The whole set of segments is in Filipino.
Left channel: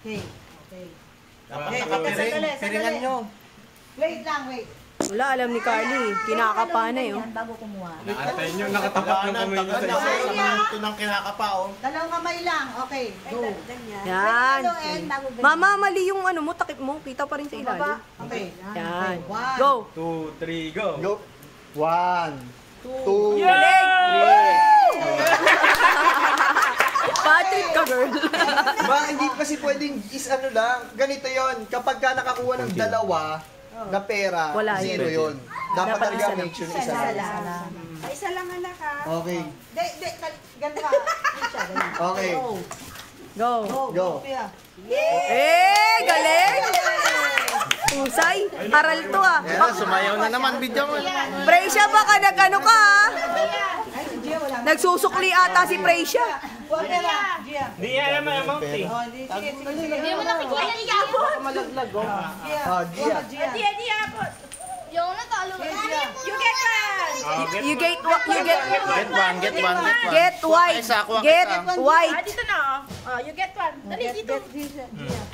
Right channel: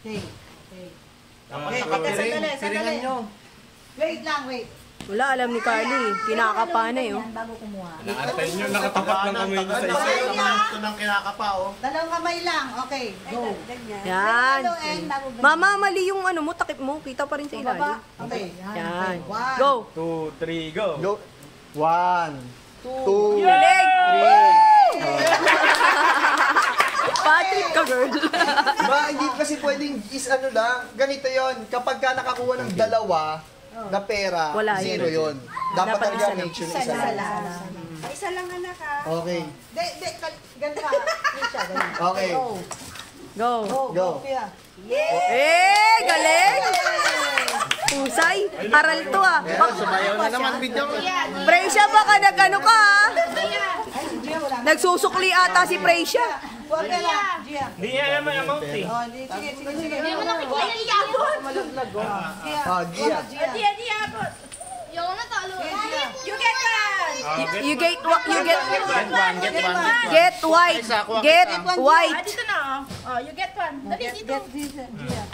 Okay. Sandali. Wait lang, wait. Wala, alam ni Carly. Kinakapa na eh. Bago kumuha. Nakatayin nyo, nakatapat ng kamay nyo sa isa. Ito ng kinakapa, oh. Dalawang kamay lang. Okay, go. Yan. Mama, mali yung ano mo, takip mo. Kita pa rin sa ilalim. Okay. Yan. Go. 2, 3, go. Go. 1, 2, Galing! Patrick ka, girl. Diba, hindi kasi pwedeng is ano lang. Ganito yon. Kapag ka nakakuha ng dalawa na pera, Wala zero yun. Dapat Dapat talaga isa lang. make sure isa lang. Isa lang anak ha. Okay. Ganda. Siya, ganun. Okay. Go. Go. Eh, galing! Pusay. Aral to ah. Sumayaw na naman, video mo. Precia, baka nag-ano ka ah. Nagsusukli ata si Precia. Huwag na lang. Gia. Di alam mo amount eh. Oh, sige. Hindi mo nakikita yung iyabot. Gia. Di iyabot. Yung natalo. You get one. You get what? You get Get one. get white. Get white. Dito na oh. You get one. Dali dito.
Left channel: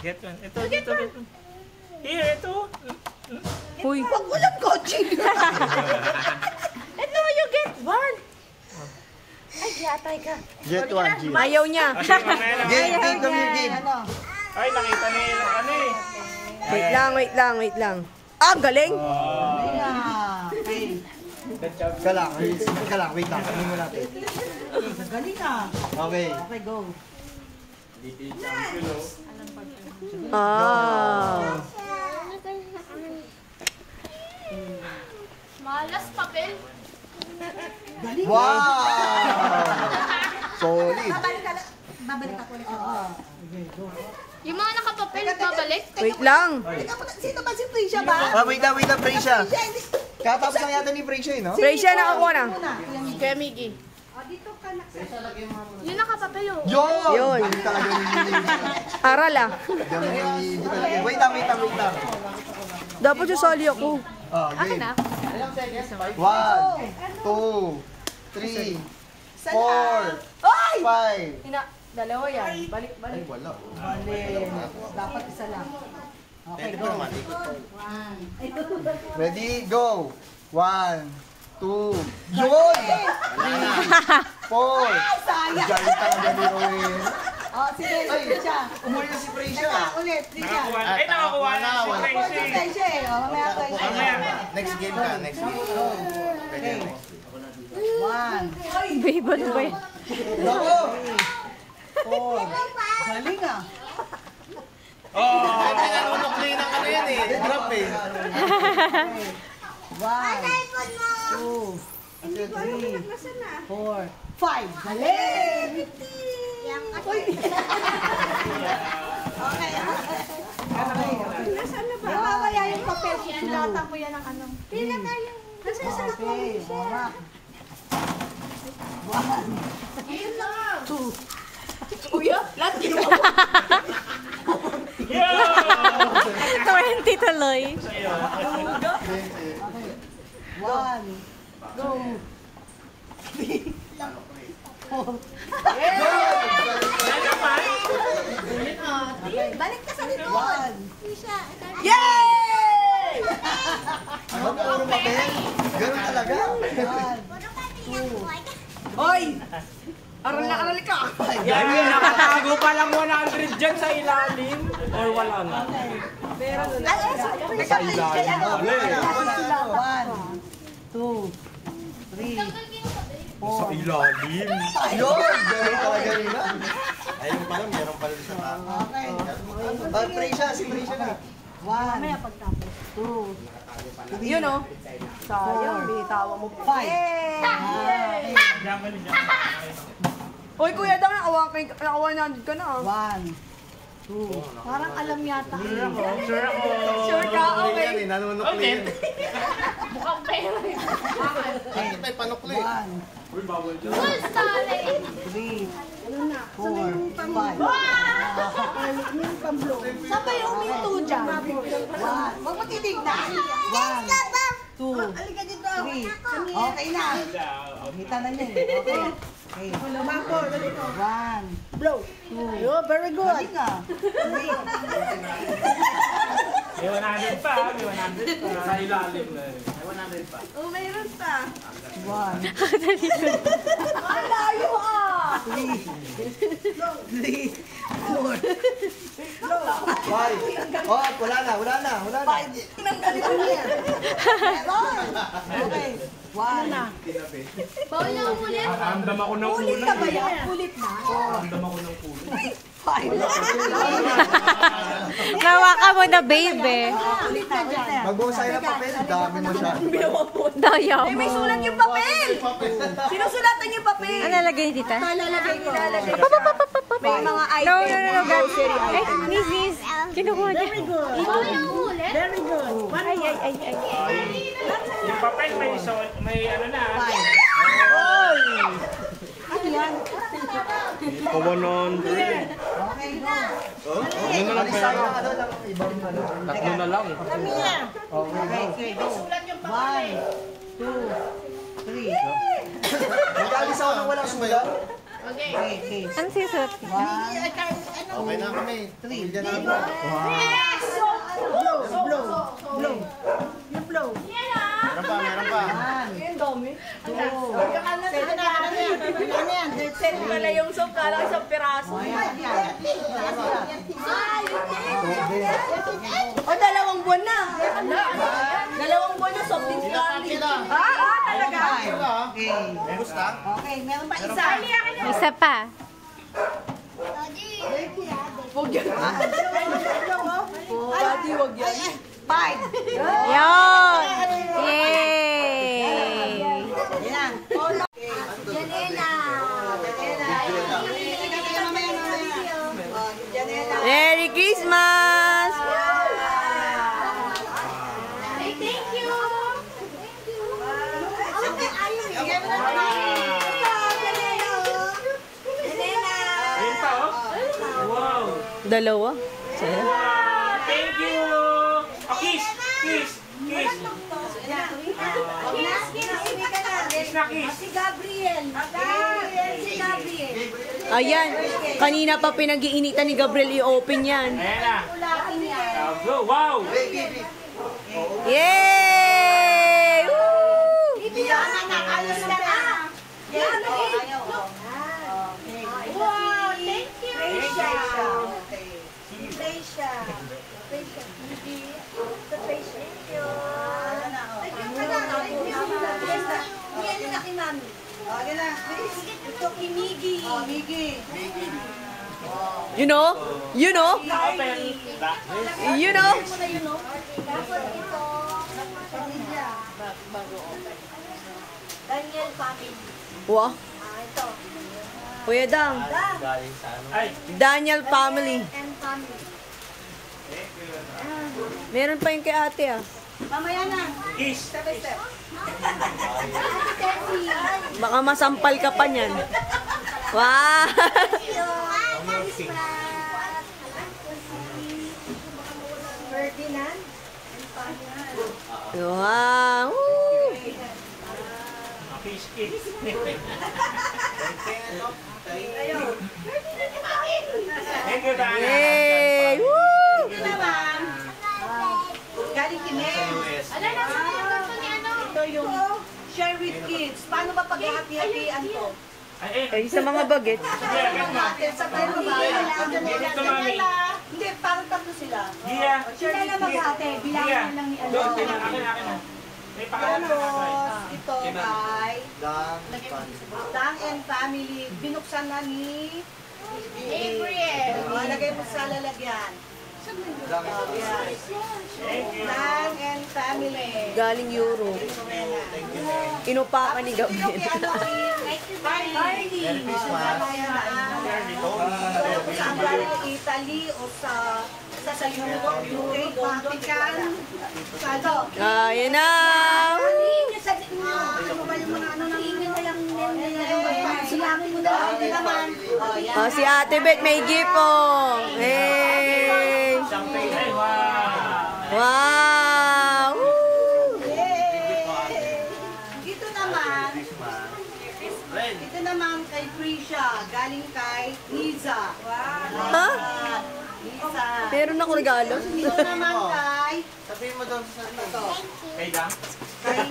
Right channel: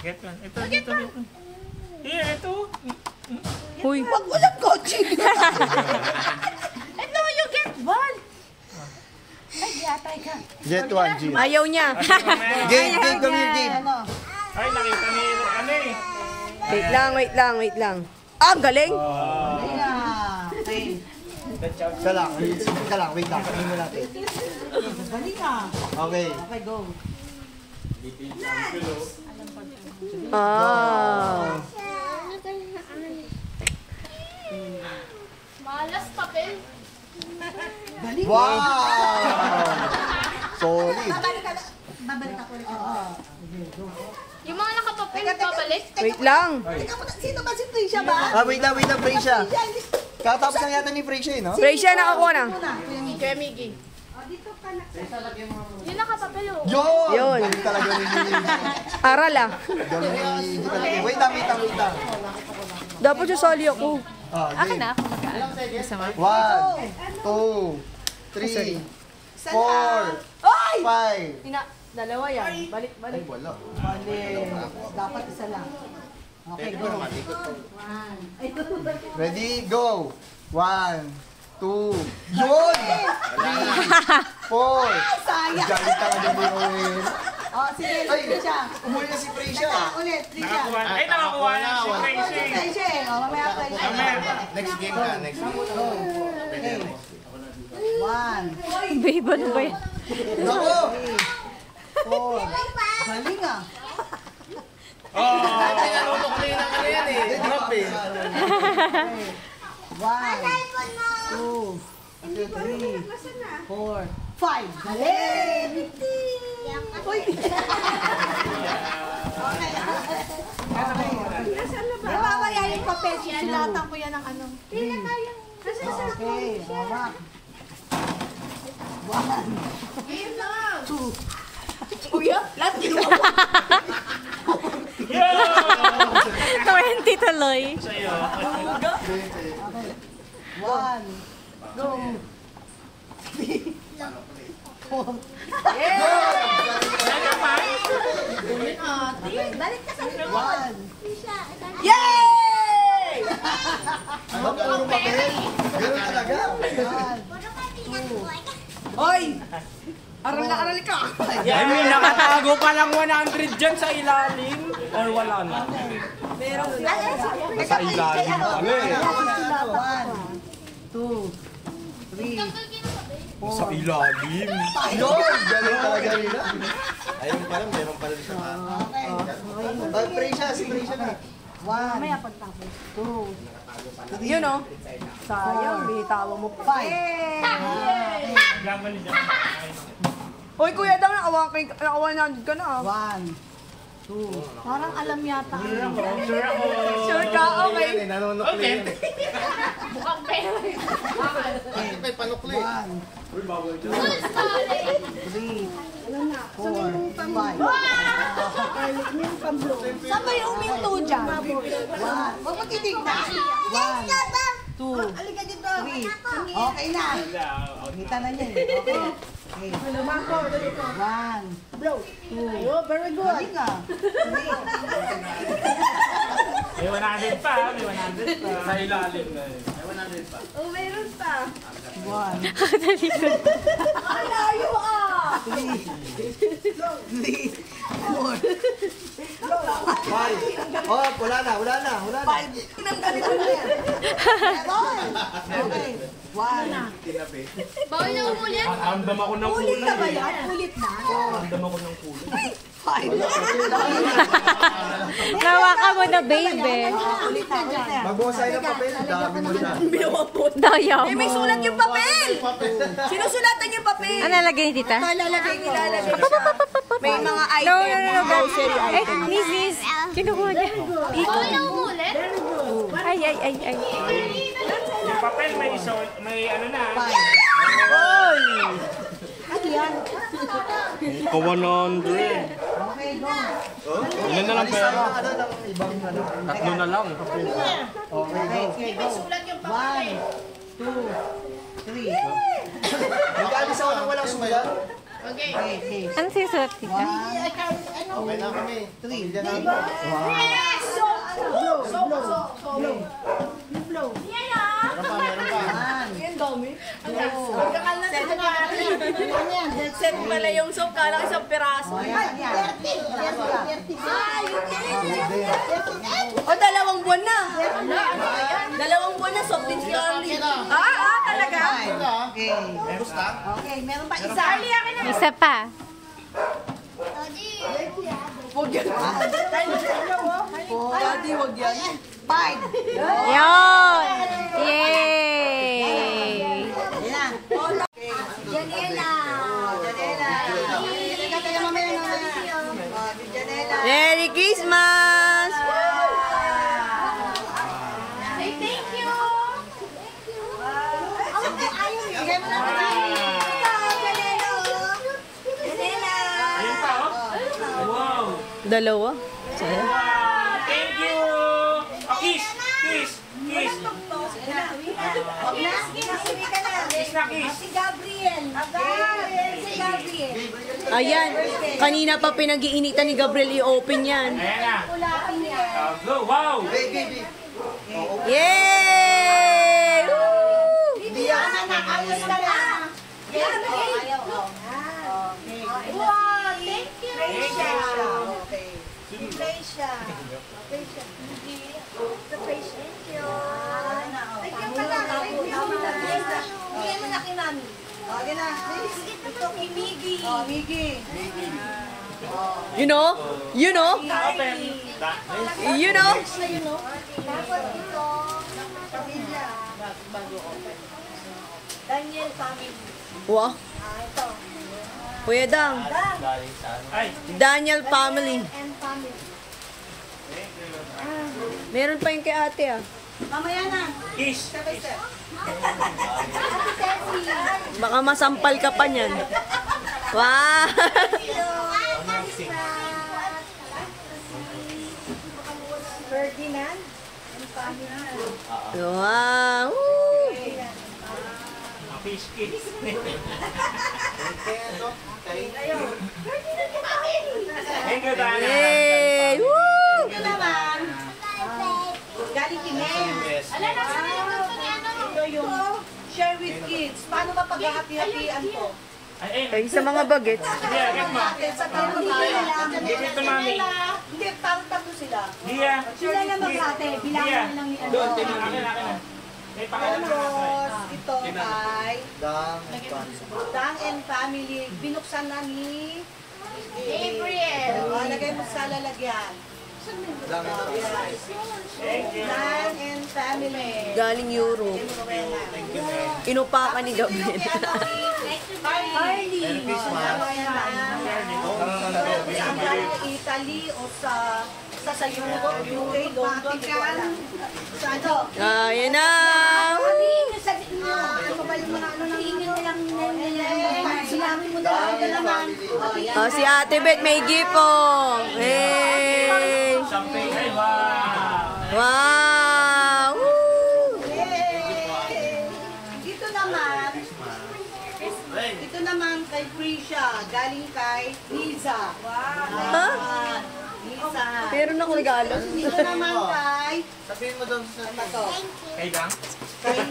Get one. Ito, dito. Here, ito. Huy. Huwag mo lang coaching. Ito, you get one. Ay, yatay ka. Get 1, G. Ayaw niya. Game, game. Ano? Ay, nakita ni, ano eh. Wait lang. Ah, galing. Okay. Ka lang, wait lang. Ano mo natin? Galing ah. Okay. Okay, go. Ah. Malas papel. Wow! Solid. Babalik ako ulit. Yung mga nakapapel, babalik. Wait lang. Sino ba si Tricia ba? Wait lang, Precia. Katapos lang yata ni Precia, no? Precia, nakakuha na. Kaya Miggy. Yung nakapapel oh. Yun. Galing talaga ni Aral ah. Wait lang. Dapat susali ako. Game. na. 1, 2, 3, 4, 5. Dalawa yan. Balik. Ay, wala. Dapat isa lang. Okay, go. Ready, go. 1, 2, yun! 3, 4. Sayang. Galing talaga ni Roel. Oh, sige, Tricia. Umuli na si Precia. Ulit, Tricia. Nakakuha na si Tracy. Tricia eh. Oh, mamaya Tricia. Next game ka, next game. Okay. 1, Babe, ano ba yan? Bravo! 4. Galing ah. Tinanong ko na yun ang ano yan eh. Drop eh. 1, 2, 3, 4, 5. Galing! Uy! Okay. Mamaya yung papel. Sinatang mo yan ang ano. Pila kayo. Okay. Hawak. 1, 2. Kuya, lahat yung 20 tuloy. 1, 2, 3, 4. Balik ka sa likod. 1. Yay! Ganun talaga. 1, 2. Hoy! Aral ka. Ay, may nakatago pa lang 100 dyan sa ilalim. Or wala na. Meron na. Sa ilalim. 1, 2, 3, 4. Sa ilalim. Yun! Ganun talaga nila. Ayun pala, meron pala sa Okay. Precia, si Precia na. 1, 2, 3, yun o. Sayang, bitawa mo. 5. Diyan ka niya. Hoy, kuya, daw nakawa ka na. 1, 2. Parang alam yata. Sure ako. Sure ka, okay. Okay. Mukhang pera. Ay, panukli. 1, Uy, bawal dyan. 3, 4, 5. Yung pamblo. Saan ba yung minto dyan? 1. Huwag matitignan. 1, Halika dito. 3. Okay na. Kita na niya. Okay. Okay. Lumako, dito. 1. Blow. 2. Oh, very good. Halika. 3. May 100 pa, may 100 pa. Sa ilalim na eh. May 100 pa. Oh, mayroon pa. 1. Alayo ah. 3. 4. Five. Oh, wala na. Tinanggalin mo na yan. Meron. Okay. 1. Bawal na umulit. Ramdam ako ng Ulit kulay ka ba eh. yan? Ulit na. Ramdam ako ng kulay. 5. Nawakan mo na, baby. Ulit na yan. Magbuhusay ng papel. Dami mo na. Daya mo. May sulat yung papel. Sinusulatan yung papel. Ano lalagay tita? Lalagay. May mga No, Gab. Eh, miss. Kinukuha niya. Bawal na umulit. Very good. Ay. Yung papel may ano na. 5. Ano yan? Ito 100. Okay, go. Ano na lang Alis tayo ng ano, ng ibang ano. Tatlo na lang. Okay, go. 1, 2, 3. Mag-alis ako ng walang sulat. Okay. Okay. Ano sinusulat? 1, Okay na kami. 3. Blow. Blow. 1, 2. Set pala yung soap. Kala isang piraso. O, yan. O, 2 buwan na. 2 buwan na soap din si Carly. Talaga? 5. Okay. Okay, meron pa isa. Isa pa. Daddy, wag yan. 5. Yon! Yay! Ayan. Merry Christmas! Ay, thank you. Ayun pa oh. Wow. Dalawa. Saya. Thank you. Kiss. Kiss na kiss. Si Gabriel. Si Gabriel. Ayan. Kanina pa pinag-iinitan ni Gabriel i-open yan. Ayan na. Ulakin niya. Go. Wow. Baby. Yay! Woo! Alos ka na. Wow, thank you. Gracia. Okay. Gracia. Thank you. Ay, kaya pala. Yan na kay Mami. Okay na. Ito kay Miggy. Oh, Miggy. You know? You know? You know? Tapos ito. Daniel family. Wah. Ito. Kuya Dang. Ay. Daniel family. And family. Meron pa yung kay ate ah. Mamaya na. Kiss. Baka masampal ka pa niyan. Wow! Ferdinand and family. Wow! Woo! Kiss. Thank you, Dana. Yay! Woo! Ito naman. Galing Kines. Ito yung share with kids. Paano ba paghahati-hatian to? Ay, sa mga bagets. Yeah, get mo. Sa tatlo ba? Ito, mami. Hindi, parang tatlo sila. Gia. Sila na mag-ate. Bilangin na lang ni ano. Akin na. May pakalan na Tapos, ito ay Dang. Dang and Family. Binuksan na ni April. O, lagay mo sa lalagyan. Dang. Thank you. Dang and Family. Galing Europe. Inupakan ni Gabriel. Marley. Merry Christmas. Kung saan galing sa Italy o sa Europe, UK, London, sa ano? Ayan na! Silangin mo na lang ito naman. Oh, si Ate Beth may gift oh. Hey! Champagne. Ay, wow. Wow! Woo! galing kay Liza. Ha? Liza. Meron ako regalo. Ito naman kay Sabihin mo doon sa ito. Kay Gang? Kay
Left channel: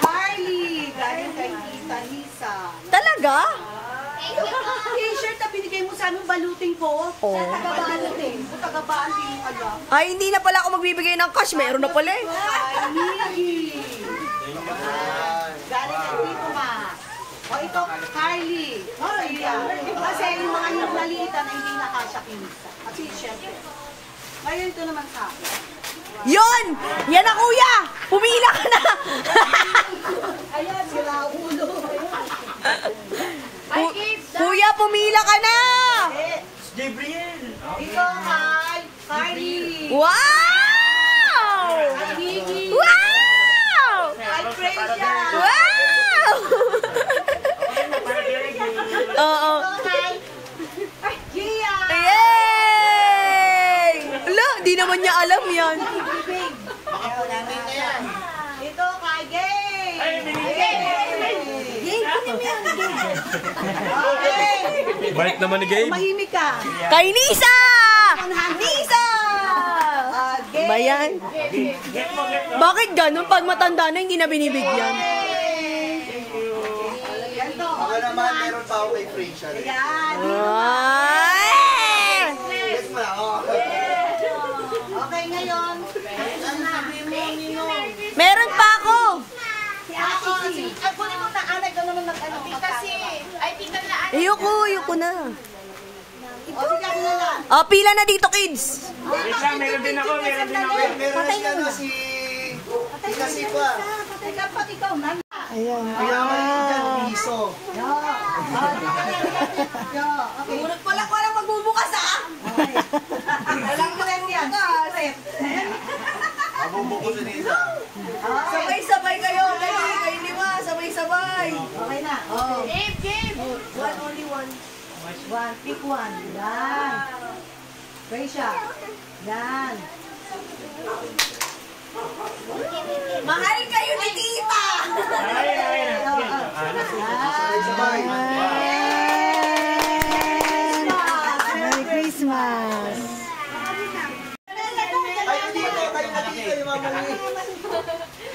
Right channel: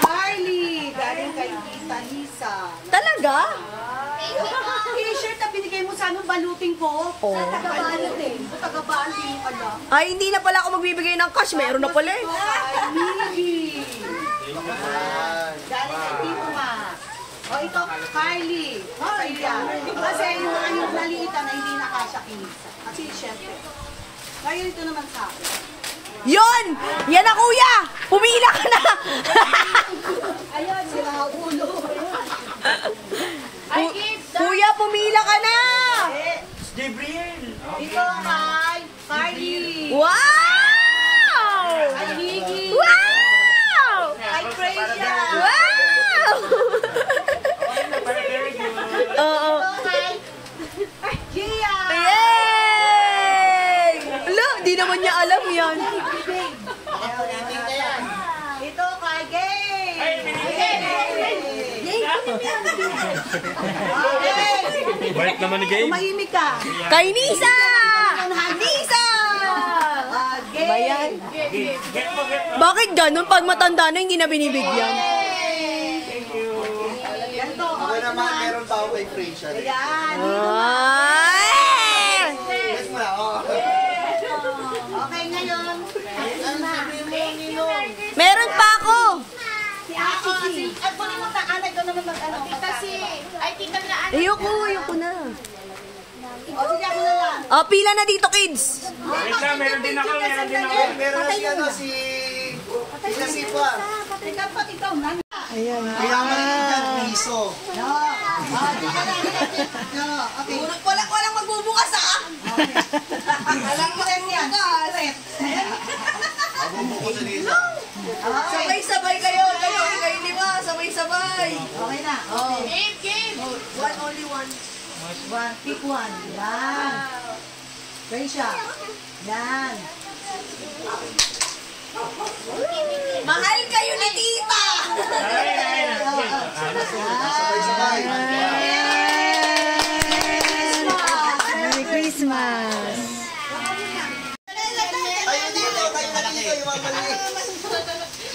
Carly. Galing kay Tita Lisa. Talaga? T-shirt na binigay mo sa anong balutin ko? Oo. Taga-balutin. Taga-baan, di mo alam. Ay, hindi na pala ako magbibigay ng cash. Meron na pala eh. Kay Miggy. Galing kay Tito Ma. O ito, Carly. Sa'yo yan. Kasi yung mga yung naliitan na hindi nakasya kinisa. Kasi syempre. Ngayon ito naman sa akin. Yon! Yan na kuya! Pumila ka na! Ayan, sira ulo. Kuya, pumila ka na! Gabriel! Ito kay Carly. Wow! Kay Miggy. Wow! Kay Freya. Wow! Oo. Ito kay Gia. Yay! Ala, di naman niya alam yan. Ito kay Gay. Bait naman ni Gabe. Tumahimik ka. Kay Nisa! Nisa! Gay. Bayan. Bakit ganun? Pag matanda na, hindi na binibigyan. Ganito. Ako naman, meron pa ako kay Freya. Ayan. Ay! Yes, ma. Okay, ngayon. Meron pa ako! Si Ate C. Ay, kunin mo pa. Anay ko naman mag-ano. Tita si. Ay, tita na. Ayoko na. O, sige ako na lang. Oh, pila na dito, kids. Wait lang, meron din ako. Meron si ano si... Pinasipa. Teka, pati ikaw na. Ayan. Mayaman dyan, piso. Okay. Walang magbubukas ah! Alam mo rin yan. Mabubuko si Lisa. Sabay-sabay kayo. Kayo lima. Sabay-sabay. Okay na. Game. One, only one. One, pick one. Yan. Freya. Yan. Mahal kayo ni tita! Sabay-sabay. Merry Christmas! Tayo dito, tayo na dito, yung mga maliit.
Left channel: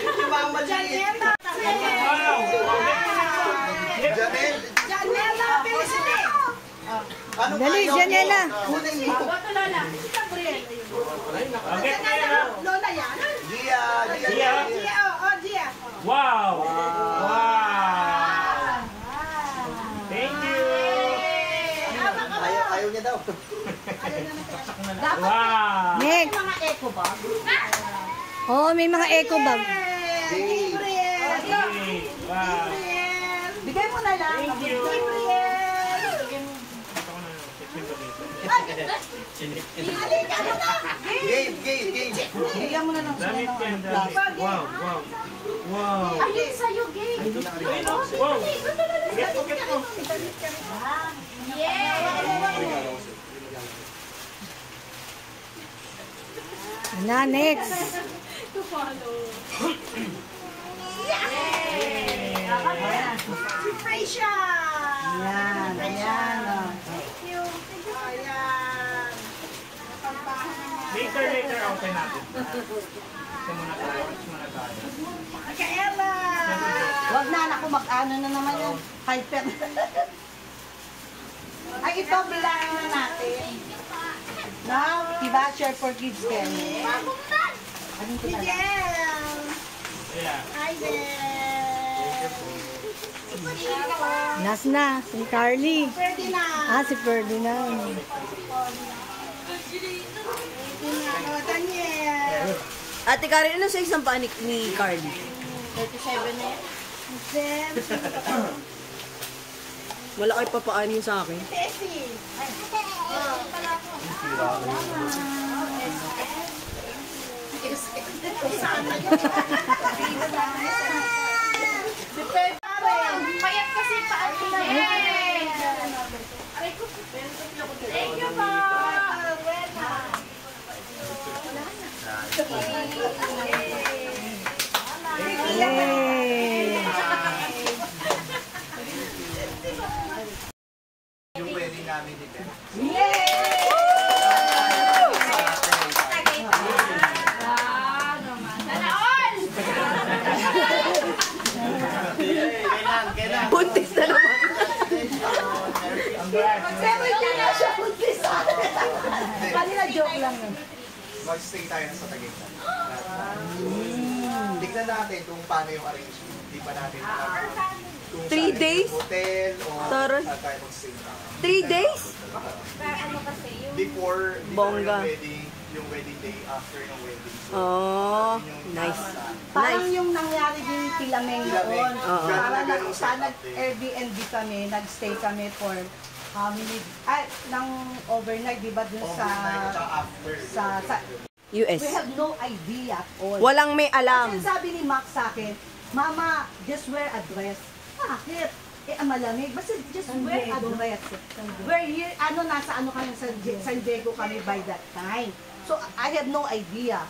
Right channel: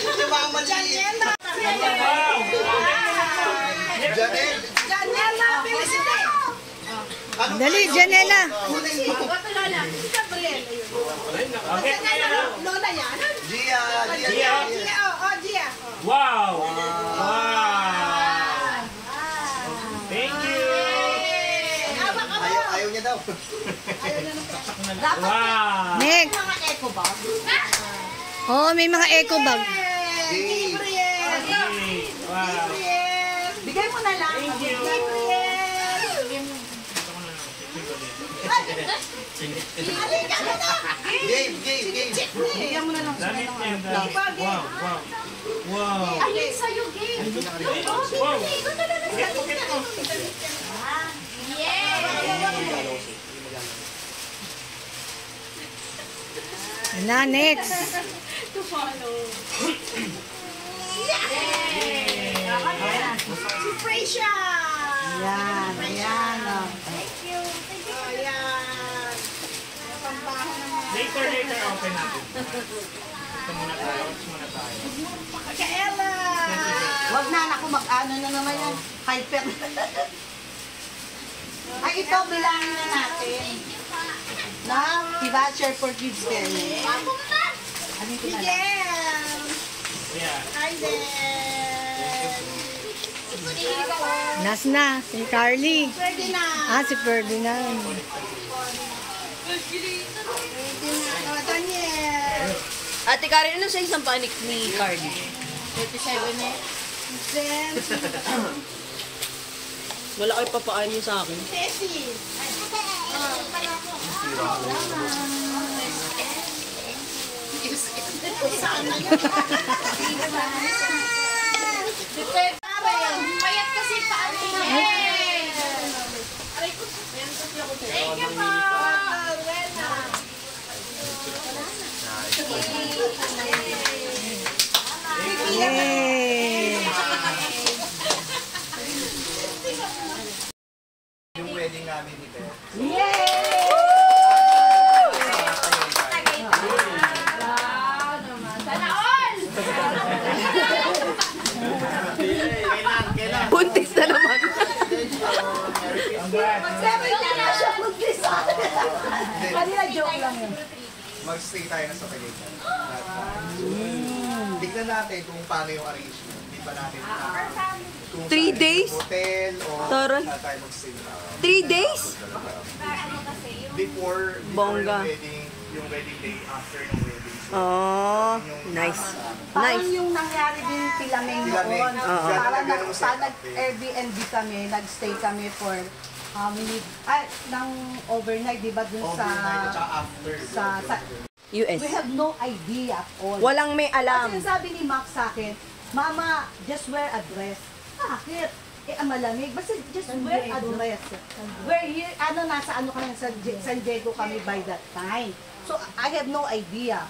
Yung mga maliit. Janelle. Janela, Felicity. Ano Dali, tayo? Janela. Kunin mo. Lola yan. Gia. Gia, Gia. Wow! Wow! Thank you! Ayaw niya daw. Wow! Next! Mga eco bag. Oo, may mga eco bag. Gabriel. Wow! Bigay mo na lang. Thank you. Game. Bigyan mo na lang. Damit yan, damit. Wow! Wow! Alin sa'yo, game. Wow! Pocket ko. Na, next! Si Freya. Yan, ayan. Ayan. Later, open natin. Ito muna tayo. Kaela. Wag na, naku, mag-ano na naman yung hyper. Ay, ito, bilangin na natin. Na, diba, share for kids din. Ano ito na lang? Yeah. Hi there. Last na, si Carly. Pwede na. Si Ferdinand. Daniel. Ate Karen, ano sa isang panik ni Carly? 37 na yan. Then, Wala kayo papaan niyo sa akin. Tessie. Mayat kasi paano niya. Thank you po. Yay! joke lang yun. Mag-stay tayo sa Tagaytay. Tignan natin kung paano yung arrangement. Hindi pa natin kung 3 days? Hotel o Taray. saan tayo mag-stay. 3 days? Ano kasi, yung Before Bongga. yung wedding day, after ng wedding. So, Oh, nice. Parang Nice. yung nangyari din kila Meng Kila Meng. noon. Oo. Parang Ganun ang setup nag-Airbnb kami, nag-stay kami for how many, ng overnight, di ba, dun sa, overnight at saka after. sa, US. we have no idea at all. Walang may alam. Kasi sabi ni Max sa akin, Mama, just wear a dress. Bakit? Eh, malamig. Basta just wear a dress. We're here, nasa kami sa San Diego kami by that time. So, I have no idea.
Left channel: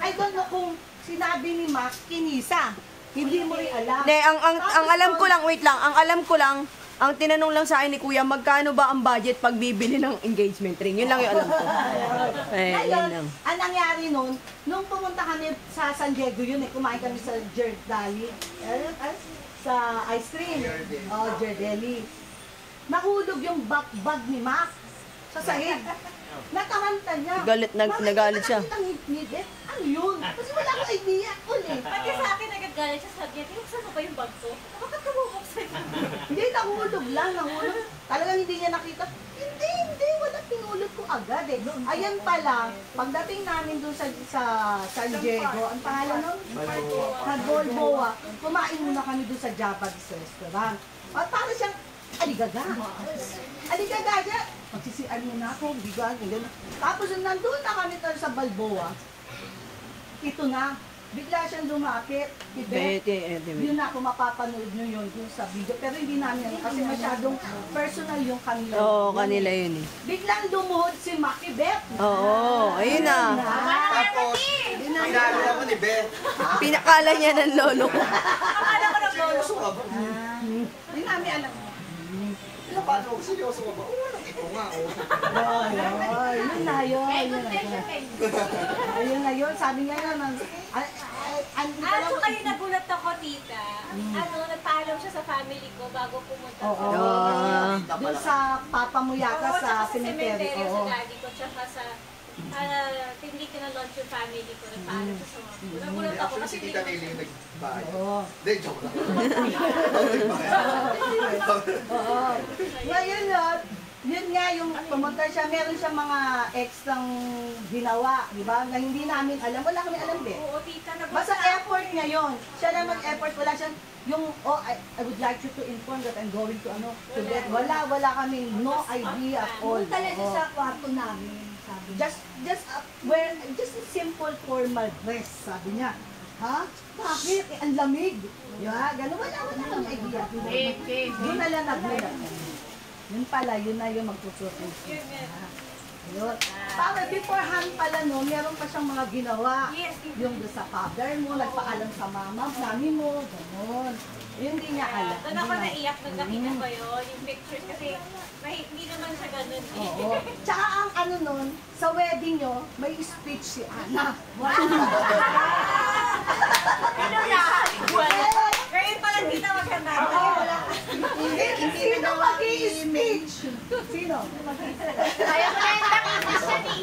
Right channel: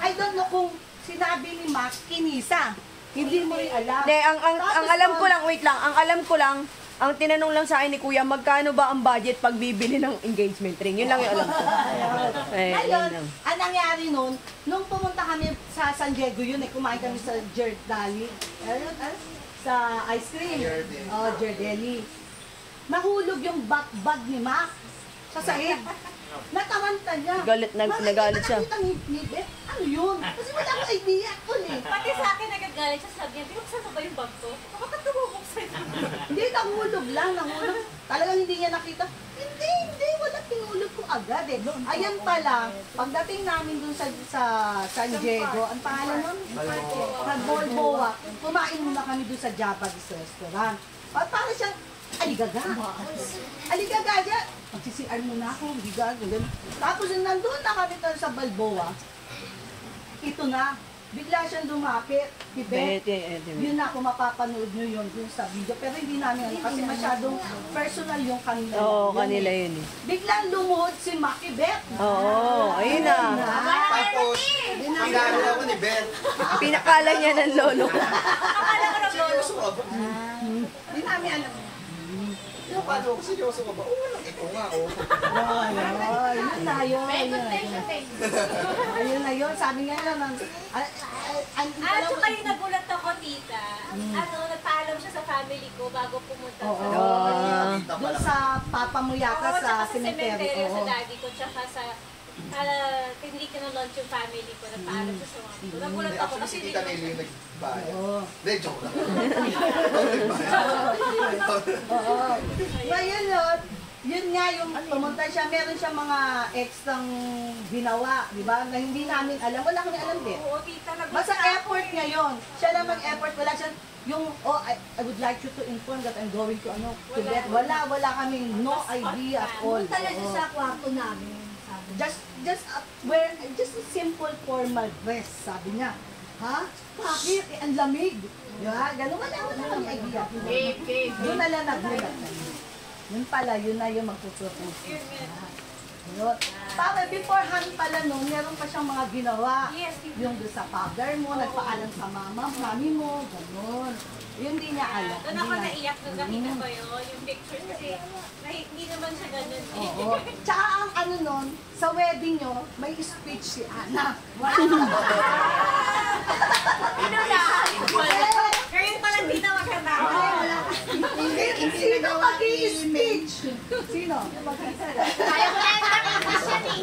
I don't know kung sinabi ni Max, kinisa. Hindi mo rin alam. Hindi, ang alam ko lang, wait lang, ang alam ko lang, ang tinanong lang sa akin ni Kuya, magkano ba ang budget pag bibili ng engagement ring? Yun lang yung alam ko. Eh, Ngayon, yun lang. ang nangyari nun, nung pumunta kami sa San Diego yun, kumain kami sa Giardali, sa ice cream. Giardeli. Nahulog yung bag ni Mac sa sahig. Nakamanta niya. Nagalit siya. Nakita ni Beth, ano yun? Kasi wala akong idea. pati sa akin nagagalit siya, sabi niya, saan na ba yung bag ko? Bakit ka bubuksan? Hindi, nahulog lang, nahulog. Talagang hindi niya nakita. Hindi, wala, pinulog ko agad eh. Ayan pala, pagdating namin dun sa San Diego, ang pangalan nun? Balboa. Kumain muna kami dun sa Japanese restaurant. At para siyang aligaga. Aligaga. Magsisian muna ako, bigas, gano'n. Tapos nung nandun na kami sa Balboa, ito na, bigla siyang lumapit. Beth, yun na, kung mapapanood nyo yun dun sa video. Pero hindi namin kasi masyadong personal yung kanila. Oo, Yun kanila eh. yun eh. Biglang lumuhod si Maki Beth. Oo, ayun na. Tapos, pinalo ako ni Beth. Pinakala niya ng lolo ko. Akala ko ng lolo. Seryoso ka ba? Hindi namin alam. Paano ako? Seryoso ka ba? Oo, ito nga. Oh. Yun na yun. Ayun na yun. Sabi nga yun. Actually, nagulat ako, tita. Nagpaalam siya sa family ko bago pumunta Oo. Nakita pa Doon lang. sa papa mo yata Oo, sa tsaka sa cemetery. cemetery sa Oo. daddy ko, tsaka sa hindi ko na-launch yung family ko, nagpaalam siya sa mga ko. Nagulat Hindi, ako actually, kasi si hindi Tita naman Nelly siya. yung nagbayad. Oo. Hindi, joke lang. Nagbayad. Oo. Ngayon yun nga yung pumunta siya, meron siyang mga extrang ginawa, di ba? Na hindi namin alam. Wala kami alam din. Oo, tita, nagulat Basta ako effort eh. ngayon. Siya lang mag-effort. Wala siyang, I would like you to inform that I'm going to to bed. Wala kami no idea at all. Punta lang siya Oo. sa kwarto namin. Sabi niya. Just a simple formal dress, sabi niya. Ha? Bakit? Ang lamig. Yeah, ganun. Wala kami idea. Doon na lang nagulat kami. Yun pala, yun na yung magpupropose. Yun. Para beforehand pala no, meron pa siyang mga ginawa. Yes, Yung doon sa father mo, nagpaalam sa mami mo, ganun. Yun di niya alam. Doon ako naiyak nung nakita ko yun, yung pictures, kasi hindi naman siya ganun. Oo. Tsaka ang ano nun, sa wedding nyo, may speech si Ana. Ngayon pala hindi na magkakama. Sino mag-i-speech? Sino? Kaya ko na yung nakikita siya ni.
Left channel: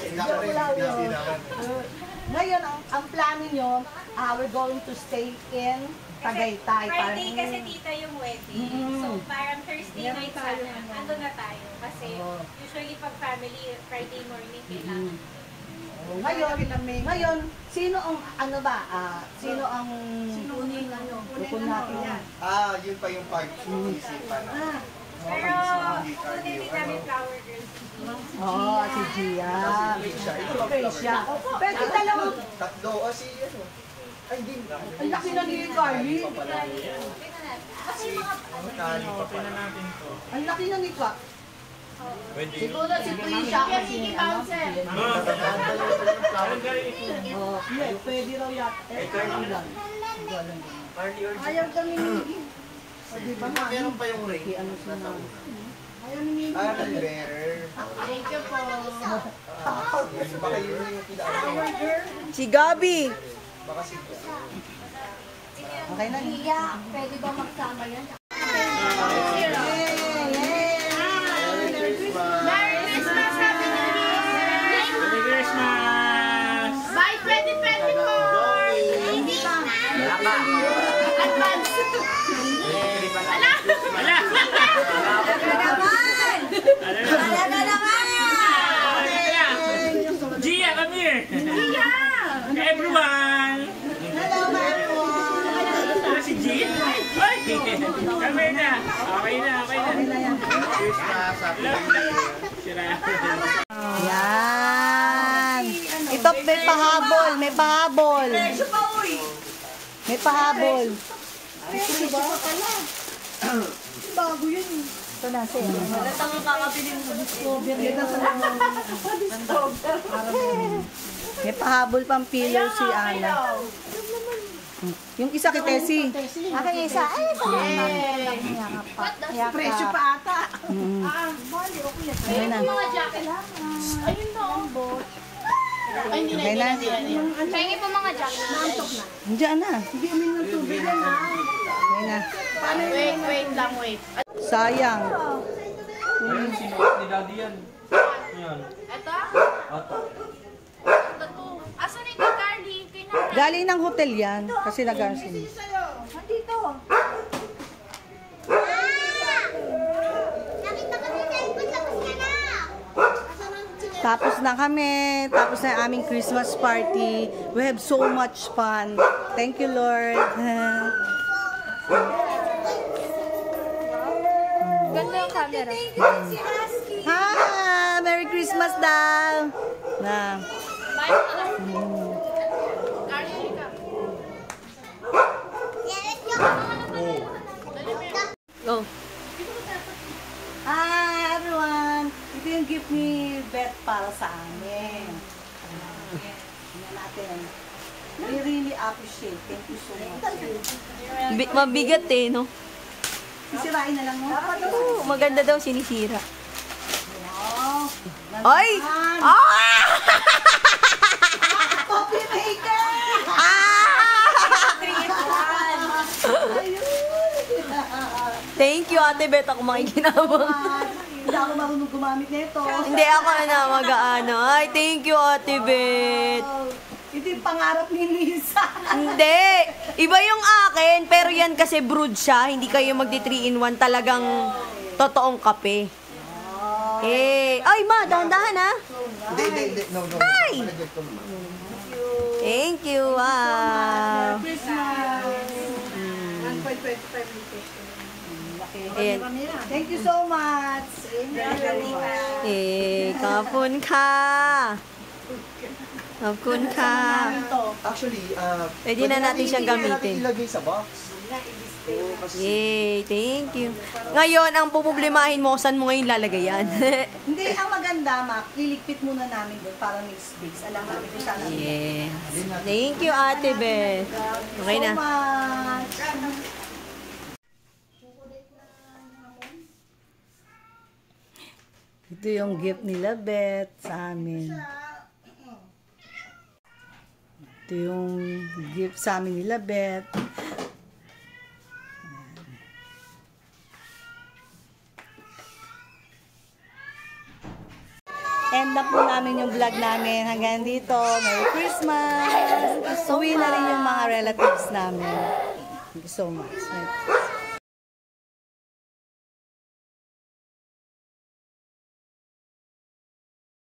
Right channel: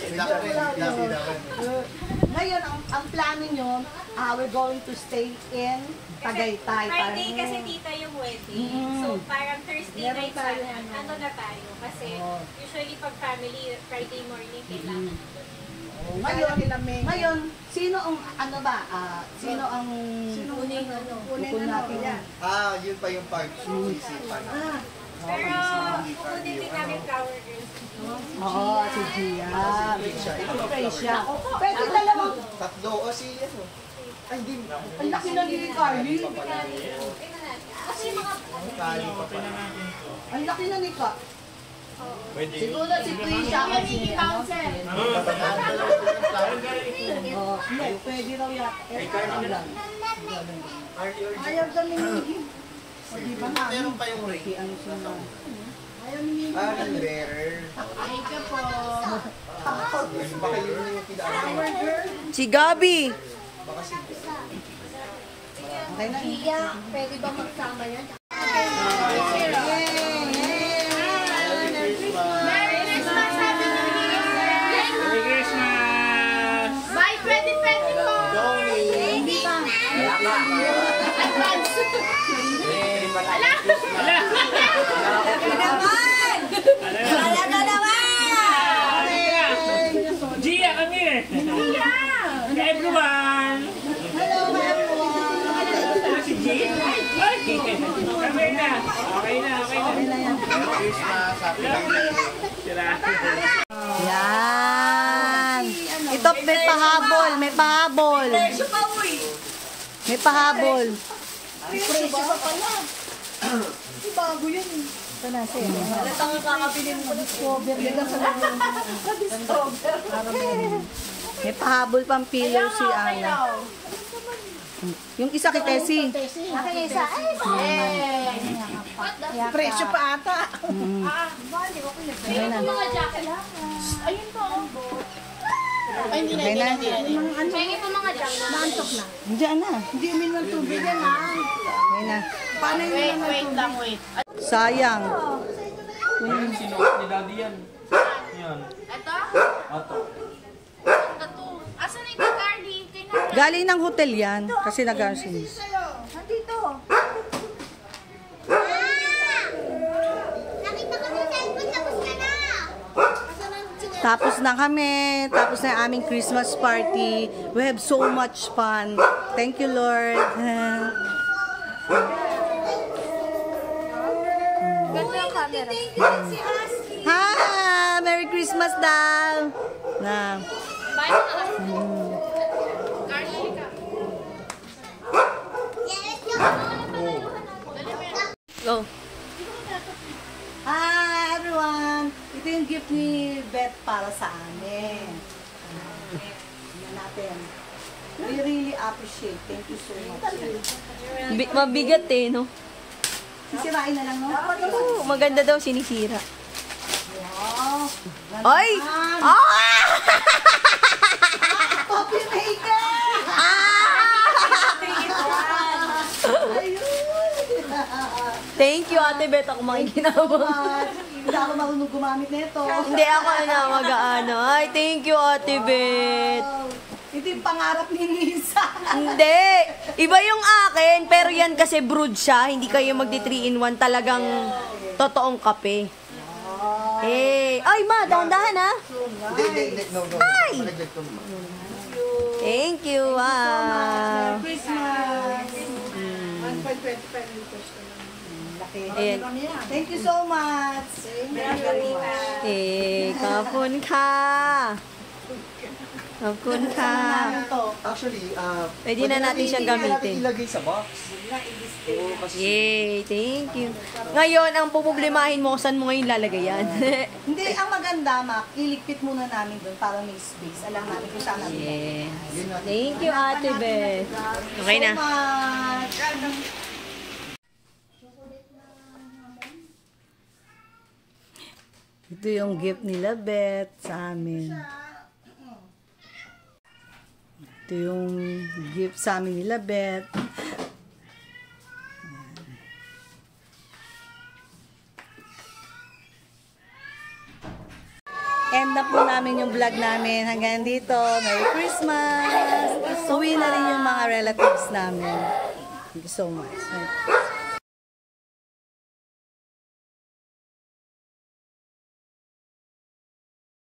Hindi naman. Ngayon, ang plano nyo, we're going to stay in Tagaytay. Friday kasi tita yung wedding. So parang Thursday Meron night tayo, sana. Ano na tayo? Kasi usually pag family, Friday morning kailangan. Ngayon, sino ang, sino ang Kunin bukod natin yan? Yun pa yung part. Isipan na. Pero kukunin din namin flower girls. Oo, si Gia. Siya. Si siya. Pwede dalawang, Tatlo. Si ano? Ay, hindi. ang laki na ni Carly. Kasi mga Kali pa pala. Ang laki na ni Ka. Siguro si Trisha kasi ano. Oo, hindi, pwede raw yata. Ayaw kami ni di ba na? Meron pa yung ring. Ano siya na? Ayaw ni Ring bearer. Thank you po. Baka yun yung pinaka. Si Gabi. Baka si Okay na. Iya, pwede ba magsama yan? Merry Christmas, Christmas. Happy New Year. Yan. Ito, may pahabol. May pahabol. May pahabol. Bago yun. Ito na, sir. May pahabol pang pillow si Ana. Yung isa kay Tessie. Akin isa. Presyo pa ata. Ayun na. Ayun to. Okay na. Pwede mo mga jacket. Hindi, Ana. Hindi umin ng tubig yan, ha? Okay na. Wait lang, wait. Sayang. Ayun, sinuot ni Daddy yan. Ayan. Ito? Ato. Ito. Asan na yung Carly? Kailangan. Galing ng hotel yan. Kasi nag-arsinis. Nandito. Nakita ko si Jensen, tapos ka na. Tapos na kami. Tapos na yung aming Christmas party. We have so much fun. Thank you, Lord. Ganda yung camera. Thank you si Husky. Ha! Merry Christmas daw! Na. Carly, ka. Go. Hi, everyone! Ito yung gift ni Beth para sa amin. Tingnan natin. We really appreciate. Thank you so much. Mabigat eh, no? Sisirain na lang, no? Oo, maganda daw sinisira. Wow! Ay! Ah! Coffee maker! Thank you, Ate Beth. Ako makikinabang. Hindi ako marunong gumamit nito. Hindi ako na mag-ano. Ay, thank you, Ate Beth. Ito yung pangarap ni Lisa. Hindi. Iba yung akin, pero yan kasi brewed siya. Hindi kayo magdi-3-in-1. Talagang totoong kape. Eh, ay ma, dahan-dahan ha. Hindi. No. Ay! Thank you, wow. Christmas. Ayan. Thank you so much. Very much. Eh, kapun ka. Kapun ka. Actually, Pwede na natin siyang gamitin. ilagay sa box. Oo, kasi Yay, thank you. Ngayon, ang puproblemahin mo, saan mo ngayon lalagay yan? Hindi, ang maganda, Mac, iligpit muna namin doon para may space. Alam namin kung saan namin. Yes. Thank you, Ate Beth. Okay na. So much. Ito yung gift nila, Beth, sa amin. Ito yung gift sa amin nila, Beth. End up po namin yung vlog namin hanggang dito. Merry Christmas! Uwi na rin yung mga relatives namin. Thank you so much.